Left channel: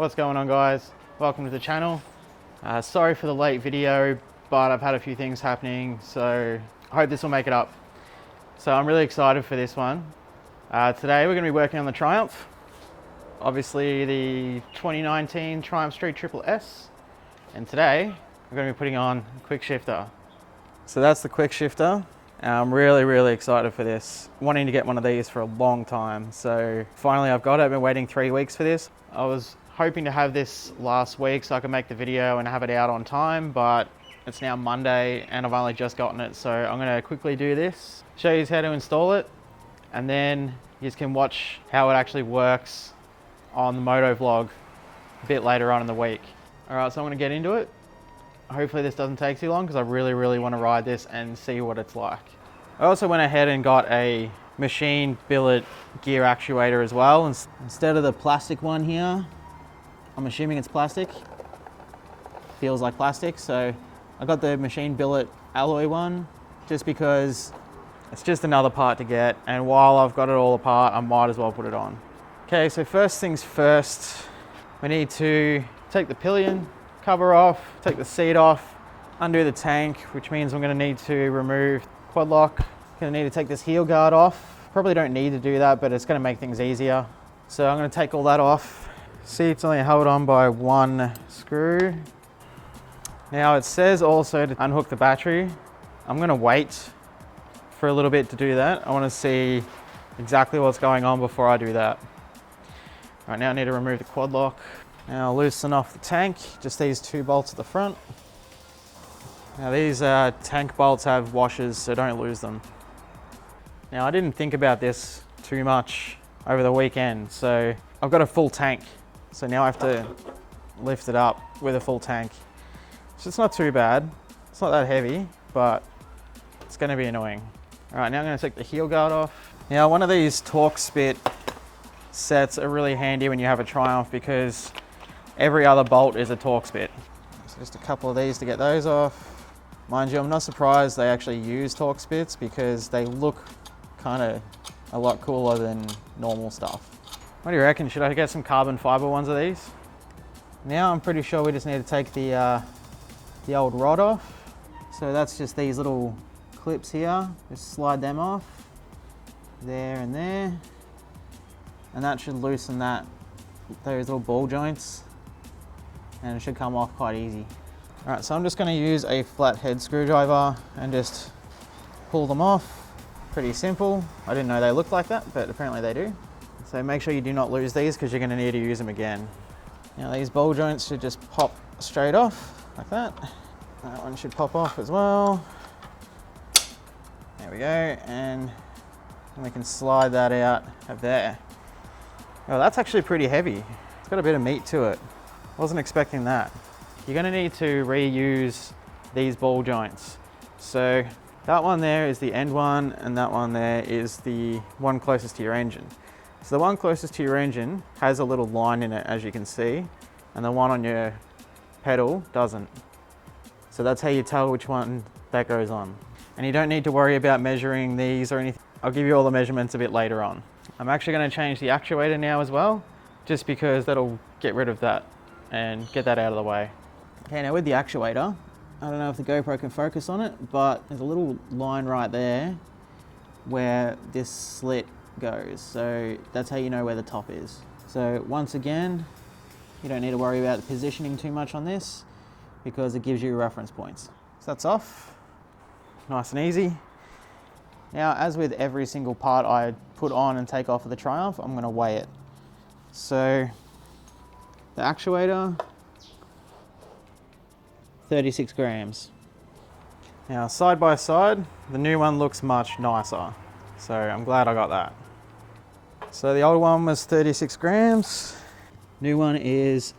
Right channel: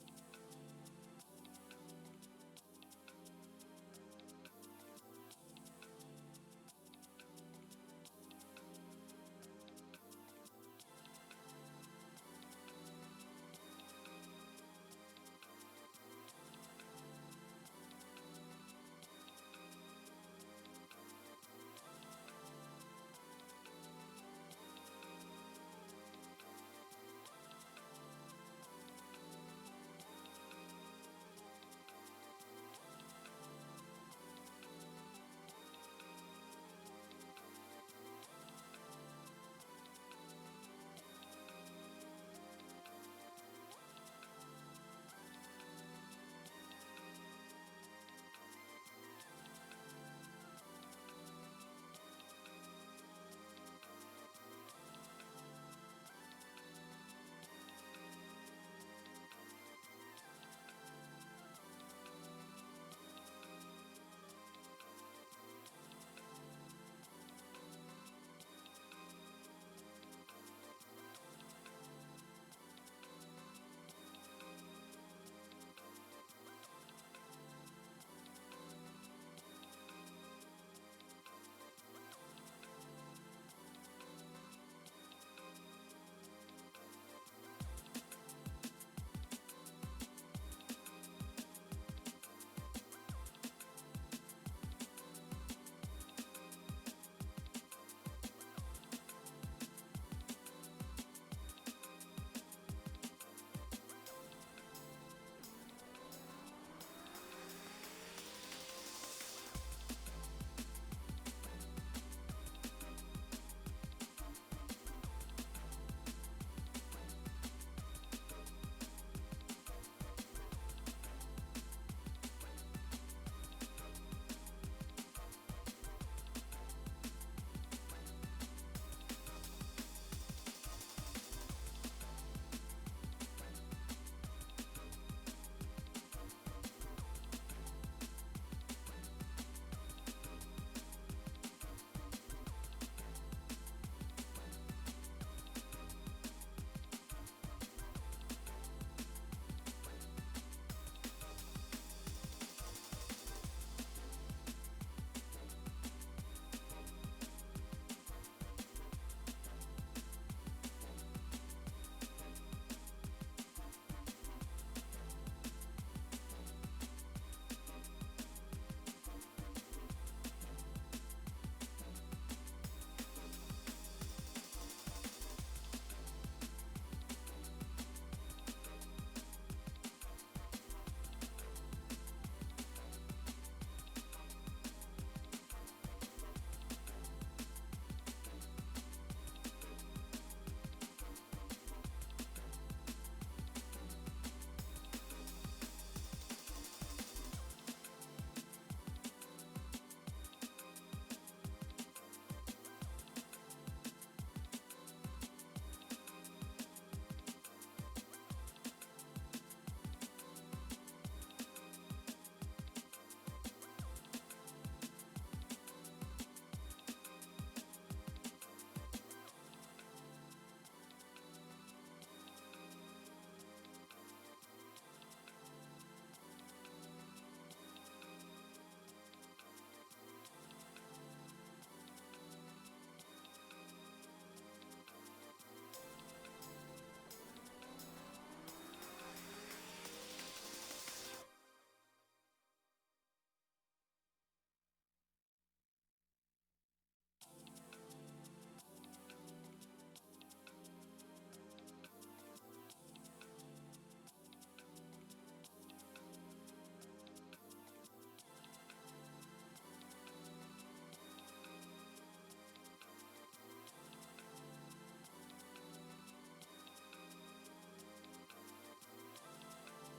What's going on, guys? Welcome to the channel. Sorry for the late video, but I've had a few things happening, so I hope this will make it up. So I'm really excited for this one. Today we're going to be working on the Triumph. Obviously the 2019 Triumph Street Triple S. And today we're going to be putting on a quick shifter. So that's the quick shifter. I'm really excited for this. Wanting to get one of these for a long time. So finally I've got it. I've been waiting 3 weeks for this. I was hoping to have this last week so I could make the video and have it out on time, but it's now Monday and I've only just gotten it. So I'm gonna quickly do this, show you how to install it, and then you can watch how it actually works on the moto vlog a bit later on in the week. All right, so I'm gonna get into it. Hopefully this doesn't take too long because I really want to ride this and see what it's like. I also went ahead and got a machine billet gear actuator as well. Instead of the plastic one here, I'm assuming it's plastic. Feels like plastic, so I got the machine billet alloy one just because it's just another part to get, and while I've got it all apart, I might as well put it on. Okay, so first things first, we need to take the pillion cover off, take the seat off, undo the tank, which means I'm going to need to remove quad lock. Going to need to take this heel guard off. Probably don't need to do that, but it's going to make things easier. So I'm going to take all that off. Seat's only held on by one screw. Now it says also to unhook the battery. I'm going to wait for a little bit to do that. I want to see exactly what's going on before I do that. All right, now I need to remove the quad lock. Now I'll loosen off the tank, just these two bolts at the front. Now these tank bolts have washers, so don't lose them. Now I didn't think about this too much over the weekend, so I've got a full tank. So now I have to lift it up with a full tank. So it's not too bad. It's not that heavy, but it's gonna be annoying. All right, now I'm gonna take the heel guard off. Now one of these Torx-Spit sets are really handy when you have a Triumph because every other bolt is a Torx-Spit. So just a couple of these to get those off. Mind you, I'm not surprised they actually use Torx-Spits because they look kind of a lot cooler than normal stuff. What do you reckon? Should I get some carbon fiber ones of these? Now I'm pretty sure we just need to take the old rod off. So that's just these little clips here. Just slide them off. There and there. And that should loosen those little ball joints. And it should come off quite easy. All right, so I'm just gonna use a flathead screwdriver and just pull them off. Pretty simple. I didn't know they looked like that, but apparently they do. So make sure you do not lose these because you're gonna need to use them again. Now these ball joints should just pop straight off like that. That one should pop off as well. There we go, and we can slide that out of there. Oh, that's actually pretty heavy. It's got a bit of meat to it. Wasn't expecting that. You're gonna need to reuse these ball joints. So that one there is the end one, and that one there is the one closest to your engine. So the one closest to your engine has a little line in it, as you can see, and the one on your pedal doesn't. So that's how you tell which one that goes on. And you don't need to worry about measuring these or anything. I'll give you all the measurements a bit later on. I'm actually going to change the actuator now as well, just because that'll get rid of that and get that out of the way. Okay, now with the actuator, I don't know if the GoPro can focus on it, but there's a little line right there where this slit goes. So that's how you know where the top is. So once again, you don't need to worry about positioning too much on this because it gives you reference points. So that's off, nice and easy. Now, as with every single part I put on and take off of the Triumph, I'm gonna weigh it. So the actuator, 36 grams. Now, side by side, the new one looks much nicer. So I'm glad I got that. So the old one was 36 grams. New one is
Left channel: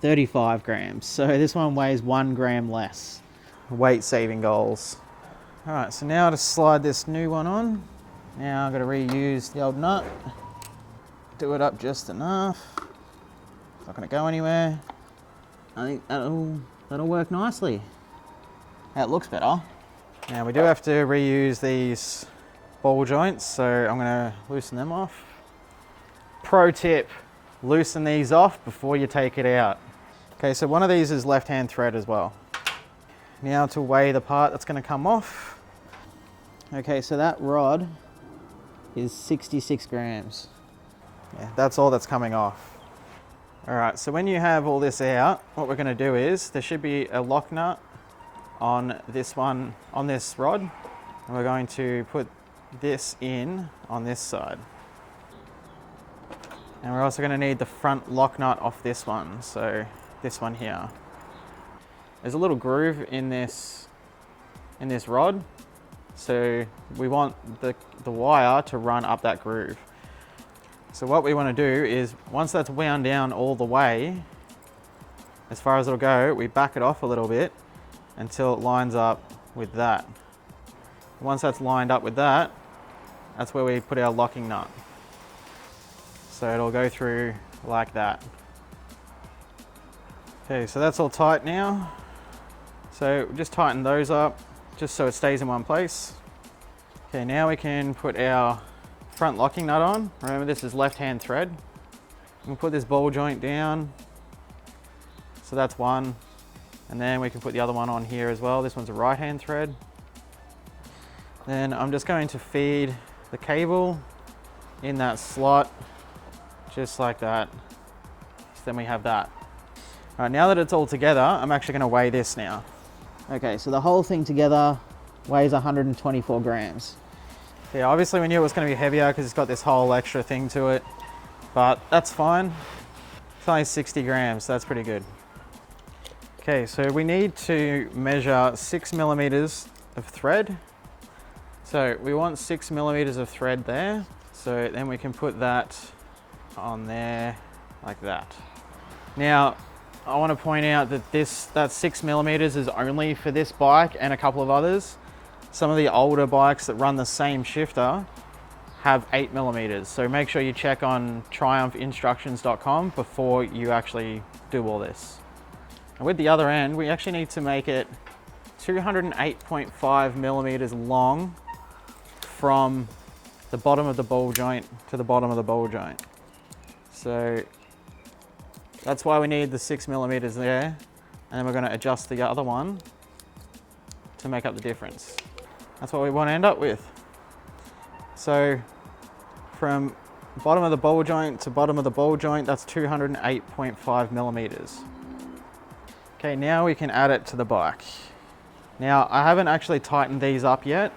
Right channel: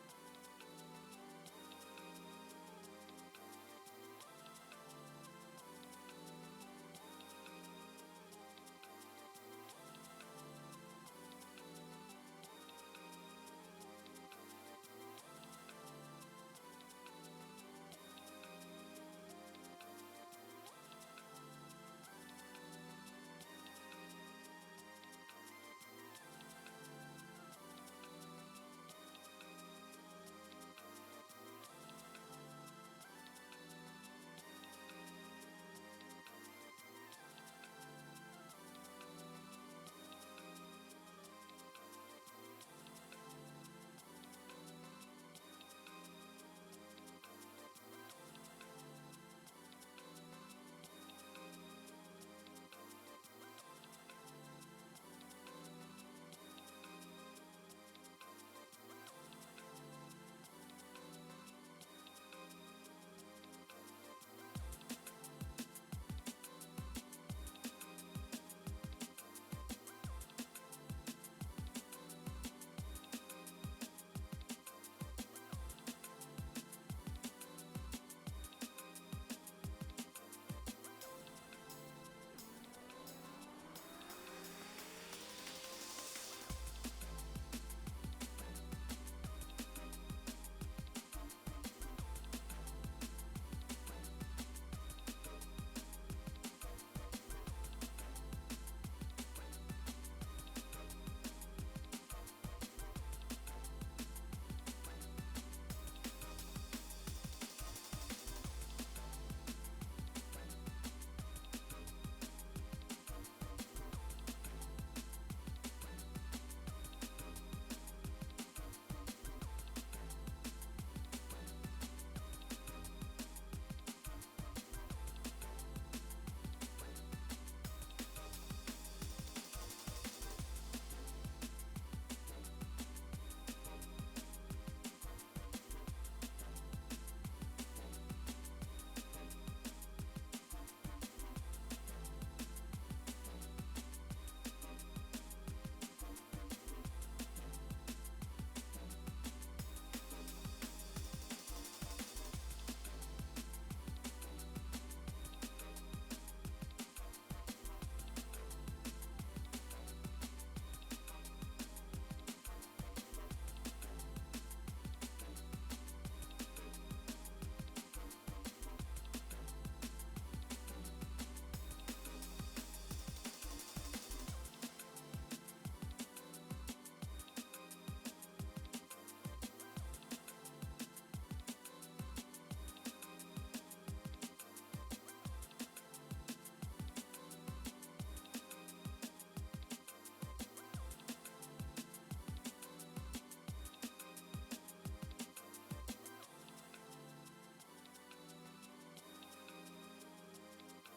35 grams. So this one weighs 1 gram less. Weight saving goals. All right, so now to slide this new one on. Now I'm gonna reuse the old nut. Do it up just enough. Not gonna go anywhere. I think that'll work nicely. That looks better. Now we do have to reuse these ball joints, so I'm gonna loosen them off. Pro tip, loosen these off before you take it out. Okay, so one of these is left-hand thread as well. Now to weigh the part that's going to come off. Okay, so that rod is 66 grams. Yeah, that's all that's coming off. All right, so when you have all this out, what we're going to do is there should be a lock nut on this one, on this rod, and we're going to put this in on this side. And we're also going to need the front lock nut off this one, so this one here. There's a little groove in this rod, so we want the wire to run up that groove. So what we want to do is, once that's wound down all the way, as far as it'll go, we back it off a little bit until it lines up with that. Once that's lined up with that, that's where we put our locking nut. So it'll go through like that. Okay, so that's all tight now. So just tighten those up, just so it stays in one place. Okay, now we can put our front locking nut on. Remember, this is left-hand thread. We'll put this ball joint down. So that's one. And then we can put the other one on here as well. This one's a right-hand thread. Then I'm just going to feed the cable in that slot, just like that. Then we have that. All right, now that it's all together, I'm actually going to weigh this now. Okay, so the whole thing together weighs 124 grams. Yeah, obviously we knew it was going to be heavier because it's got this whole extra thing to it, but that's fine. It's only 60 grams, so that's pretty good. Okay, so we need to measure 6 millimeters of thread. So we want 6 millimeters of thread there. So then we can put that on there like that. Now, I want to point out that that 6 millimeters is only for this bike and a couple of others. Some of the older bikes that run the same shifter have 8 millimeters. So make sure you check on triumphinstructions.com before you actually do all this. And with the other end, we actually need to make it 208.5 millimeters long from the bottom of the ball joint to the bottom of the ball joint. So that's why we need the 6 millimeters there. And then we're going to adjust the other one to make up the difference. That's what we want to end up with. So from bottom of the ball joint to bottom of the ball joint, that's 208.5 millimeters. Okay, now we can add it to the bike. Now, I haven't actually tightened these up yet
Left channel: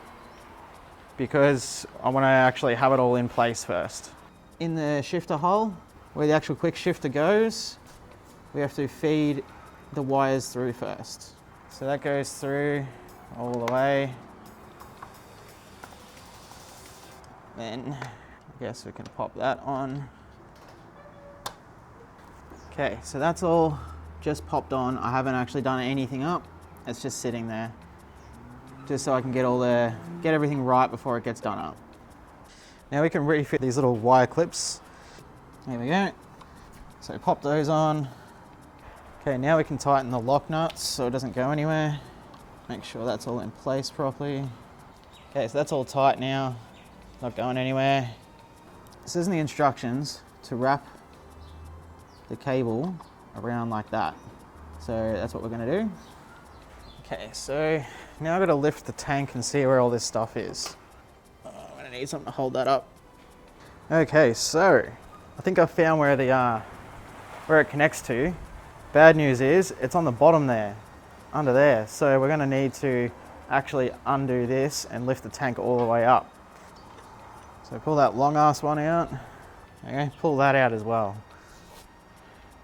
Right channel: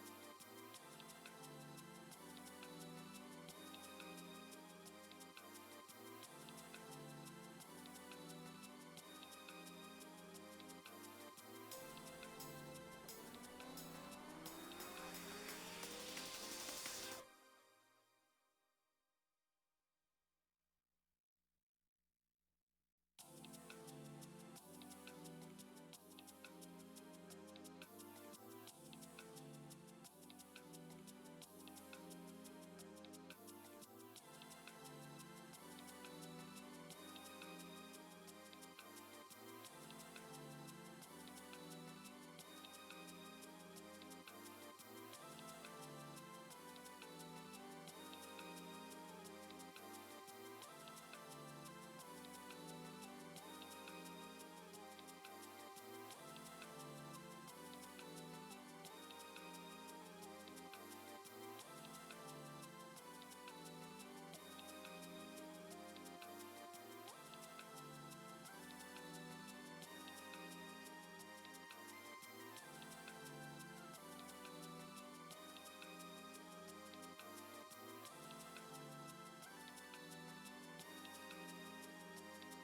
because I want to actually have it all in place first. In the shifter hole, where the actual quick shifter goes, we have to feed the wires through first. So that goes through all the way. Then I guess we can pop that on. Okay, so that's all just popped on. I haven't actually done anything up. It's just sitting there, just so I can get everything right before it gets done up. Now we can refit these little wire clips. There we go. So pop those on. Okay, now we can tighten the lock nuts so it doesn't go anywhere. Make sure that's all in place properly. Okay, so that's all tight now. Not going anywhere. This is in the instructions to wrap the cable around like that. So that's what we're going to do. Okay, so now I've got to lift the tank and see where all this stuff is. Oh, I'm going to need something to hold that up. Okay, so I think I found where it connects to. Bad news is it's on the bottom there, under there. So we're going to need to actually undo this and lift the tank all the way up. So pull that long ass one out. Okay, pull that out as well.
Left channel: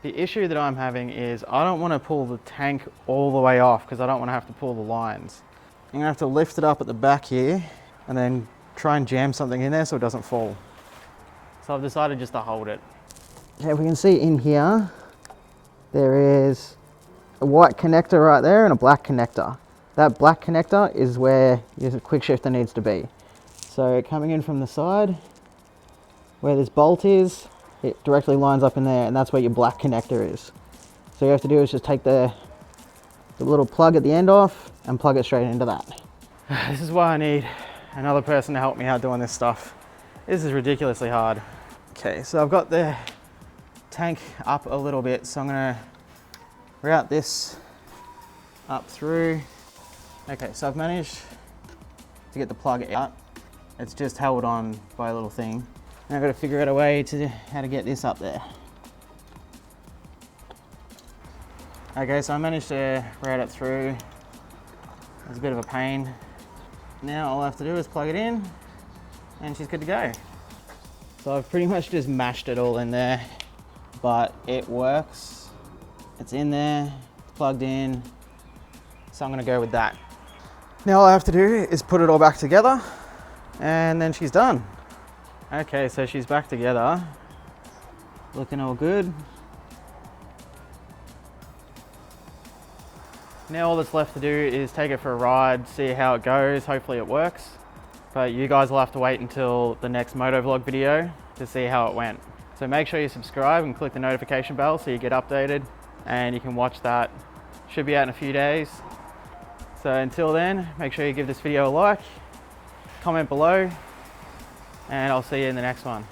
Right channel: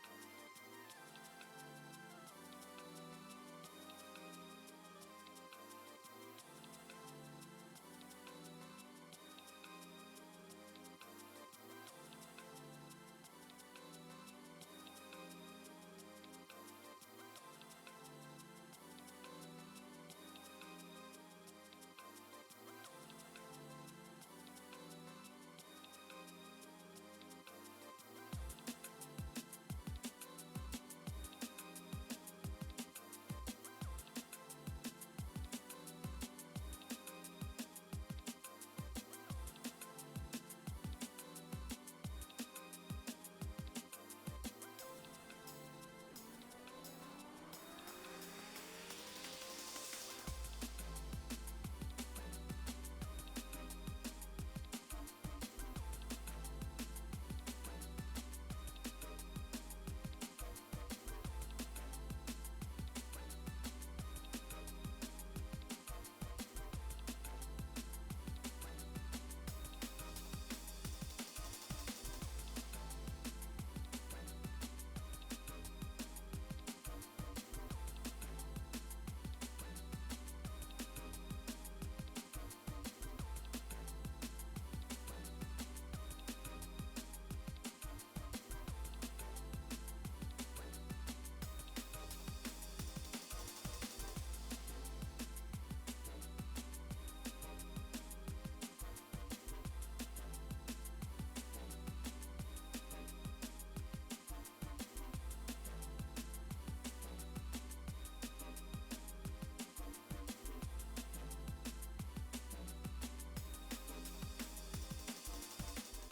The issue that I'm having is I don't want to pull the tank all the way off because I don't want to have to pull the lines. I'm going to have to lift it up at the back here and then try and jam something in there so it doesn't fall. So I've decided just to hold it. Okay, we can see in here, there is a white connector right there and a black connector. That black connector is where your quick shifter needs to be. So coming in from the side, where this bolt is, it directly lines up in there, and that's where your black connector is. So all you have to do is just take the little plug at the end off and plug it straight into that. This is why I need another person to help me out doing this stuff. This is ridiculously hard. Okay, so I've got the tank up a little bit. So I'm gonna route this up through. Okay, so I've managed to get the plug out. It's just held on by a little thing. Now I've got to figure out a way to how to get this up there. Okay, so I managed to route it through. It was a bit of a pain. Now all I have to do is plug it in and she's good to go. So I've pretty much just mashed it all in there, but it works. It's in there, plugged in. So I'm gonna go with that. Now all I have to do is put it all back together and then she's done. Okay, so she's back together. Looking all good. Now all that's left to do is take it for a ride, see how it goes, hopefully it works. But you guys will have to wait until the next motovlog video to see how it went. So make sure you subscribe and click the notification bell so you get updated and you can watch that. Should be out in a few days. So until then, make sure you give this video a like, comment below, and I'll see you in the next one.